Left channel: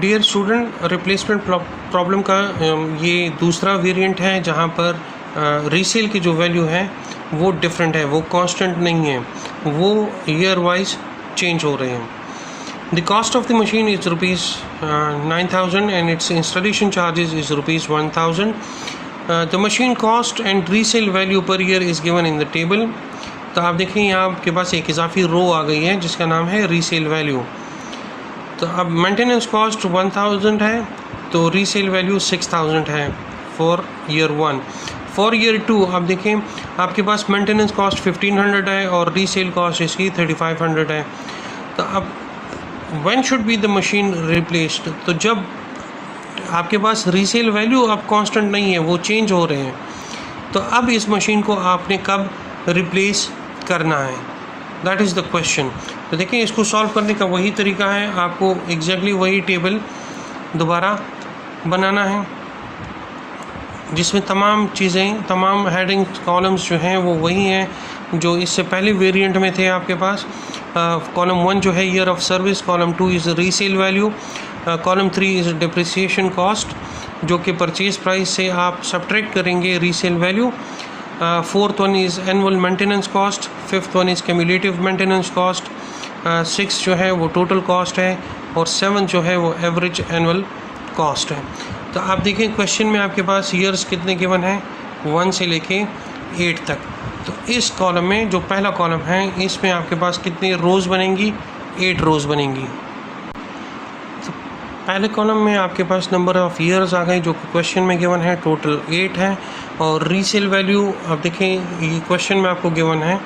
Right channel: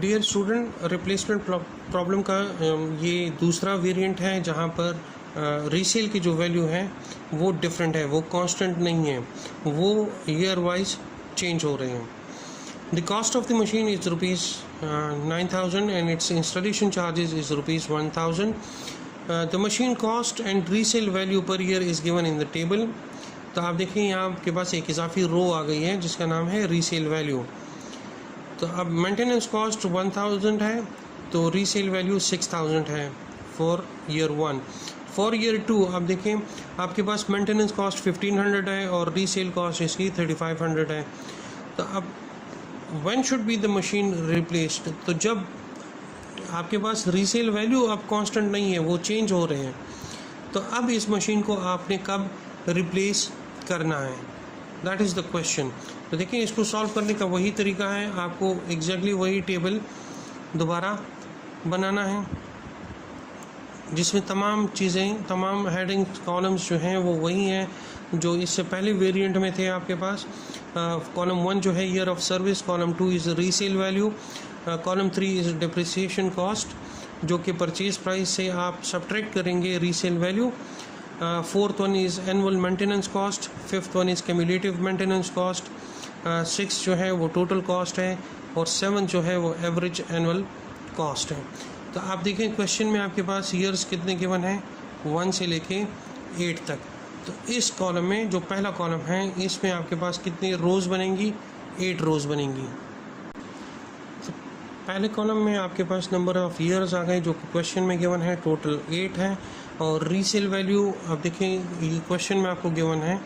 Dear student, replacement problem का ये दूसरा वेरिएंट है जहाँ पर रीसेल की जो वैल्यू है वो डिफरेंट है, वो कांस्टेंट नहीं है, वो ईयर वाइज चेंज हो रहे हैं. The cost of the machine is rupees 9,000 and its installation charges is rupees 1,000. The machine cost and resale value per year is given in the table. तो आप देखें यहाँ आपके पास एक इजाफी रो आ गई है जिसका नाम है रीसेल वैल्यू. तो अब मेंटेनेंस कॉस्ट 1,000 है तो रीसेल वैल्यू 6,000 है फॉर ईयर 1. फॉर ईयर 2 आप देखें आपके पास मेंटेनेंस कॉस्ट 1,500 है और रीसेल कॉस्ट इसकी 3,500 है. तो अब when should be the machine replaced? तो जब आपके पास रीसेल वैल्यू अब कांस्टेंट नहीं है, वो चेंज हो रहे हैं, तो अब इस मशीन को आपने कब रिप्लेस करना है, दैट इज़ द क्वेश्चन. तो देखिए इसको सॉल्व करने का वही तरीका है, आपको एग्जैक्टली वही टेबल दोबारा बनाना है जिसमें तमाम चीज़ें, तमाम हेडिंग कॉलम्स जो हैं वो वही हैं जो इससे पहले वेरिएंट में थे आपके पास. कॉलम 1 जो है year of service, column 2 is resale value, column 3 is depreciation cost जो कि परचेज प्राइस से आप सब्ट्रैक्ट करेंगे resale value. Fourth one is annual maintenance cost, fifth one is cumulative maintenance cost, 6 जो है वो टोटल कॉस्ट है और 7 जो है वो एवरेज एनुअल कॉस्ट है. तो आप देखिए क्वेश्चन में आपके पास ईयर्स कितने गिवन हैं, 1 से लेके 8 तक. तो इस कॉलम में जो पहला कॉलम है इसमें आपके पास कितनी रोज़ बनेंगी, 8 रोज़ बनेंगी. तो पहले कॉलम में आपके पास नंबर ऑफ़ ईयर्स आ गए जो क्वेश्चन में गिवन है, टोटल 8 है. और रीसेल वैल्यू आप देखें ये क्वेश्चन में आपको गिवन है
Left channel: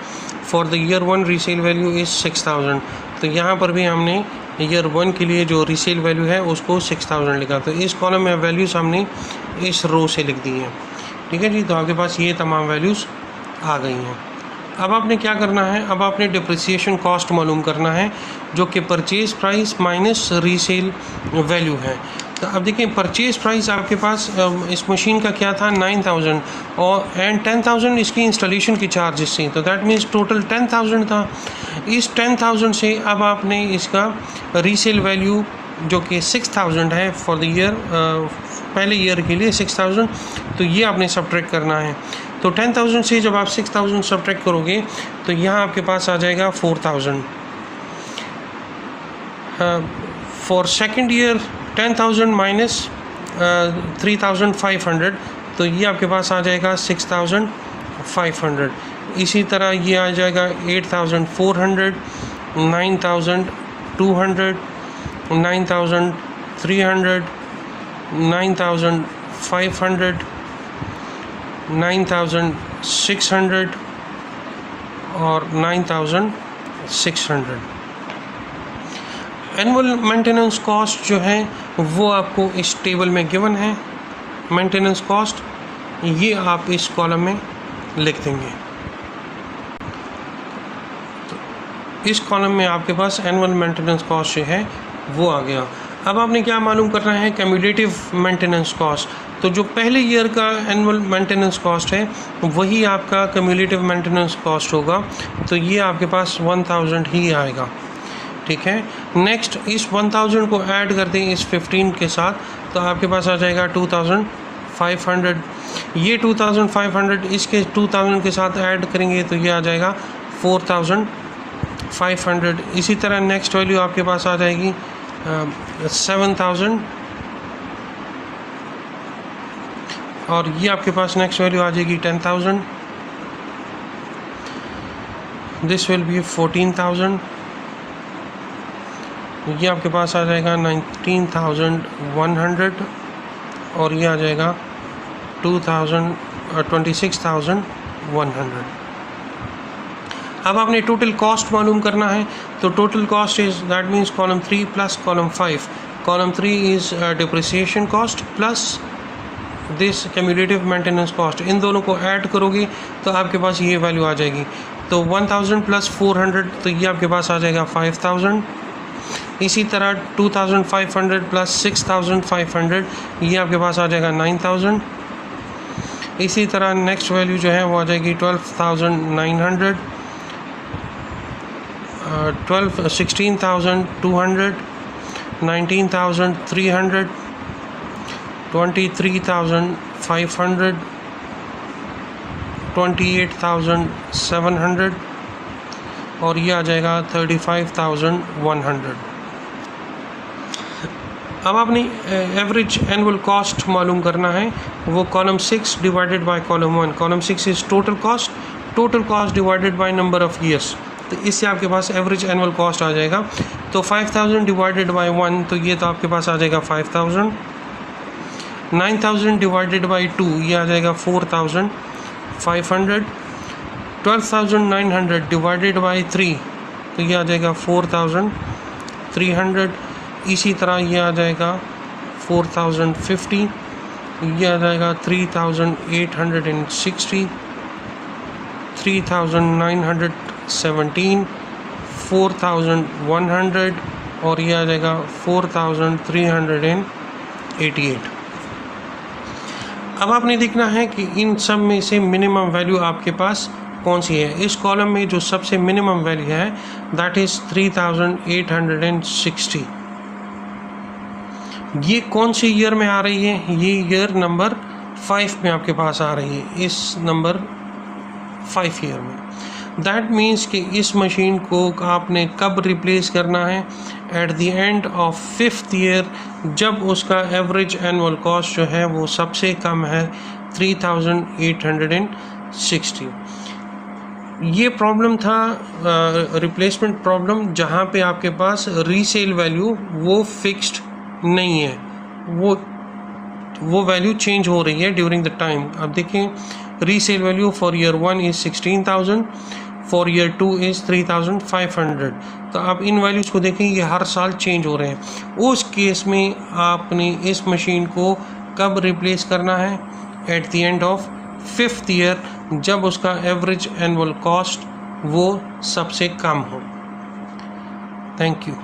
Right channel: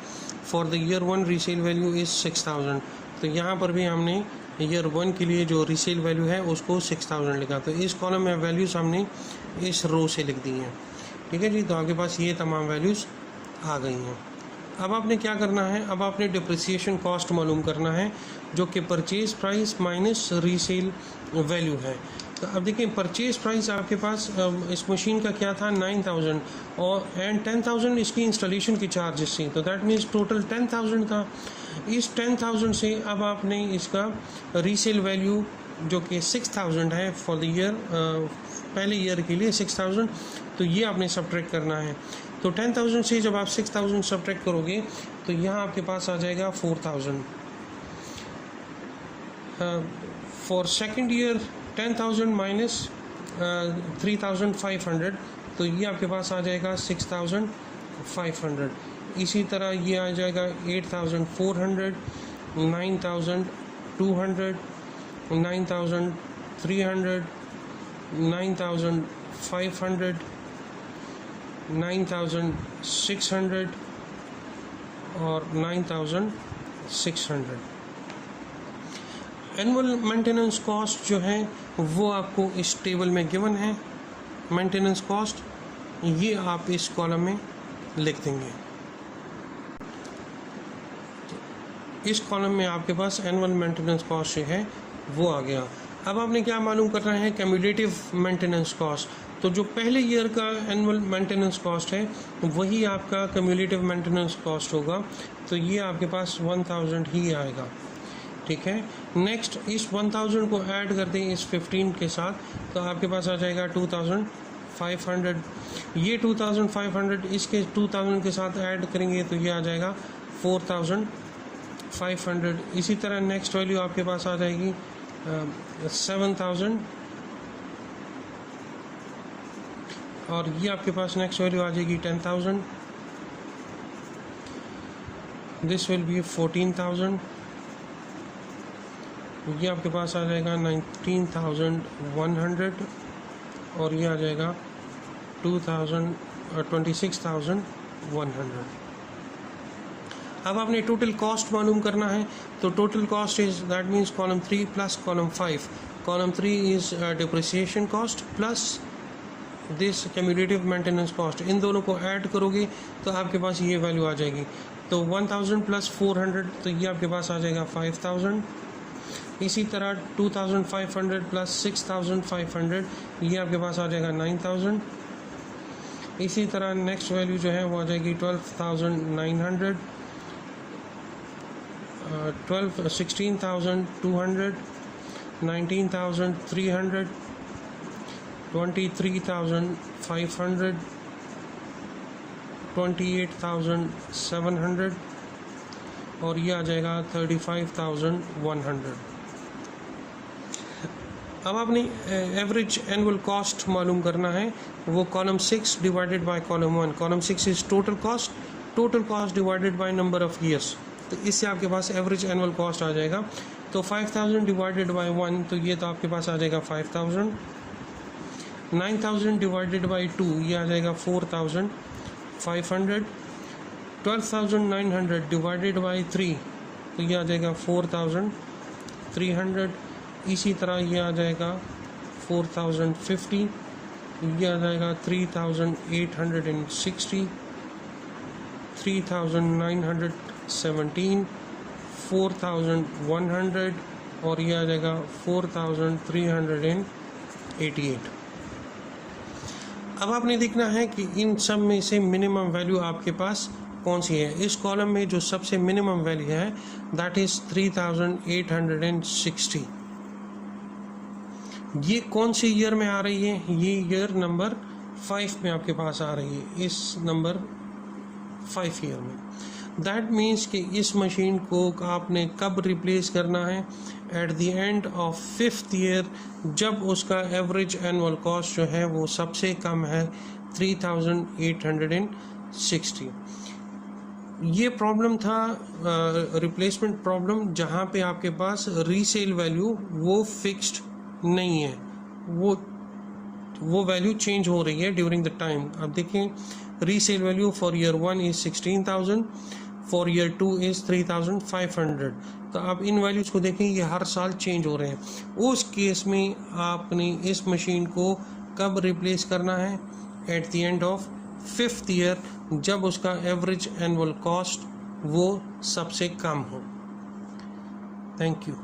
for the year 1 resale value is 6,000. तो यहाँ पर भी हमने ईयर 1 के लिए जो रीसेल वैल्यू है उसको 6,000 लिखा. तो इस कॉलम में वैल्यूज़ हमने इस रो से लिख दी हैं. ठीक है जी. तो आपके पास ये तमाम वैल्यूज़ आ गई हैं. अब आपने क्या करना है, अब आपने डिप्रिसिएशन कॉस्ट मालूम करना है जो कि purchase price minus resale value है. तो अब देखिए परचेज प्राइस आपके पास इस मशीन का क्या था, 9,000 और एंड 10,000 इसकी इंस्टॉलेशन की चार्जेस थी. तो दैट मीन्स टोटल 10,000 था. इस 10,000 से अब आपने इसका रीसेल वैल्यू जो कि 6,000 है फॉर द ईयर, पहले ईयर के लिए 6,000, तो ये आपने सब्ट्रैक्ट करना है. तो 10,000 से जब आप 6,000 सब्ट्रैक्ट करोगे तो यहाँ आपके पास आ जाएगा 4,000. फॉर सेकेंड ईयर 10,000 माइनस 3,500, तो ये आपके पास आ जाएगा 6,500. इसी तरह ये आ जाएगा 8,400, 9,200, 9,300, 9,500, 9,600 और 9,600. एनुअल मेंटेनेंस कॉस्ट जो है वो आपको इस टेबल में गिवन है. मेंटेनेंस कॉस्ट ये आप इस कॉलम में लिख देंगे. तो इस कॉलम में आपके पास एनुअल मेंटेनेंस कॉस्ट जो है वो आ गया. अब आपने क्या मालूम करना है, क्यूमुलेटिव मेंटेनेंस कॉस्ट. तो जो पहले ईयर का एनुअल मेंटेनेंस कॉस्ट है वही आपका क्यूमुलेटिव मेंटेनेंस कॉस्ट होगा. तो ये आपके पास 1,000 ही आएगा. ठीक है. नेक्स्ट इस 1,000 को ऐड कर दें इस 15 के साथ तो आपके पास आ जाएगा 2,500. ये 2,500 इसके 2,000 के साथ ऐड करेंगे तो ये आ जाएगा 4,500. इसी तरह नेक्स्ट वैल्यू आपके पास आ जाएगी 7,000 और ये आपके पास नेक्स्ट वैल्यू आ जाएगी 10,000. This will be 14,000. ये आपके पास आ जाएगा 19,100 और ये आ जाएगा 26,100. अब आपने टोटल कॉस्ट मालूम करना है. तो total cost is that means column 3 plus column 5. Column 3 is depreciation cost plus this cumulative maintenance cost. इन दोनों को ऐड करोगे तो आपके पास ये वैल्यू आ जाएगी. तो 1,000 प्लस 400 तो ये आपके पास आ जाएगा 5,000. इसी तरह 2,500 प्लस 6,500 ये आपके पास आ जाएगा 9,000. इसी तरह नेक्स्ट वैल्यू जो है वो आ जाएगी 12,900, 16,200, 19,300, 23,500, 28,700 और ये आ जाएगा 35,100। अब आपने एवरेज एनुअल कॉस्ट मालूम करना है, वो column 6 divided by column 1। Column 6 is total cost divided by number of years, तो इससे आपके पास एवरेज एनुअल कॉस्ट आ जाएगा। तो 5,000 डिवाइडेड बाय 1, तो ये तो आपके पास आ जाएगा 5,000। 9,000 डिवाइडेड बाय 2, ये आ जाएगा 4,500। 12,900 डिवाइडेड बाय 3, तो ये आ जाएगा 4,300। इसी तरह ये आ जाएगा 4,050, ये आ जाएगा 3,860, 3,917, 4,100 और ये आ जाएगा 4,388। अब आपने देखना है कि इन सब में से मिनिमम वैल्यू आपके पास कौन सी है। इस कॉलम में जो सबसे मिनिमम वैल्यू है दैट इज़ 3,860। ये कौन सी ईयर में आ रही है? ये ईयर नंबर 5 में आपके पास आ रही है, इस नंबर 5 ईयर में। दैट मीन्स कि इस मशीन को आपने कब रिप्लेस करना है? At the end of 5th year, जब उसका एवरेज एनुअल कॉस्ट जो है वो सबसे कम है 3,860। ये प्रॉब्लम था रिप्लेसमेंट प्रॉब्लम, जहाँ पे आपके पास रीसेल वैल्यू वो फिक्स्ड नहीं है, वो वैल्यू चेंज हो रही है ड्यूरिंग द टाइम। अब देखें, resale value for year 1 is 16,000, for year 2 is 3,500। तो आप इन वैल्यूज़ को देखें, ये हर साल चेंज हो रहे हैं। उस केस में आपने इस मशीन को कब रिप्लेस करना है? At the end of 5th year, जब उसका एवरेज एनुअल कॉस्ट वो सबसे कम हो। Thank you.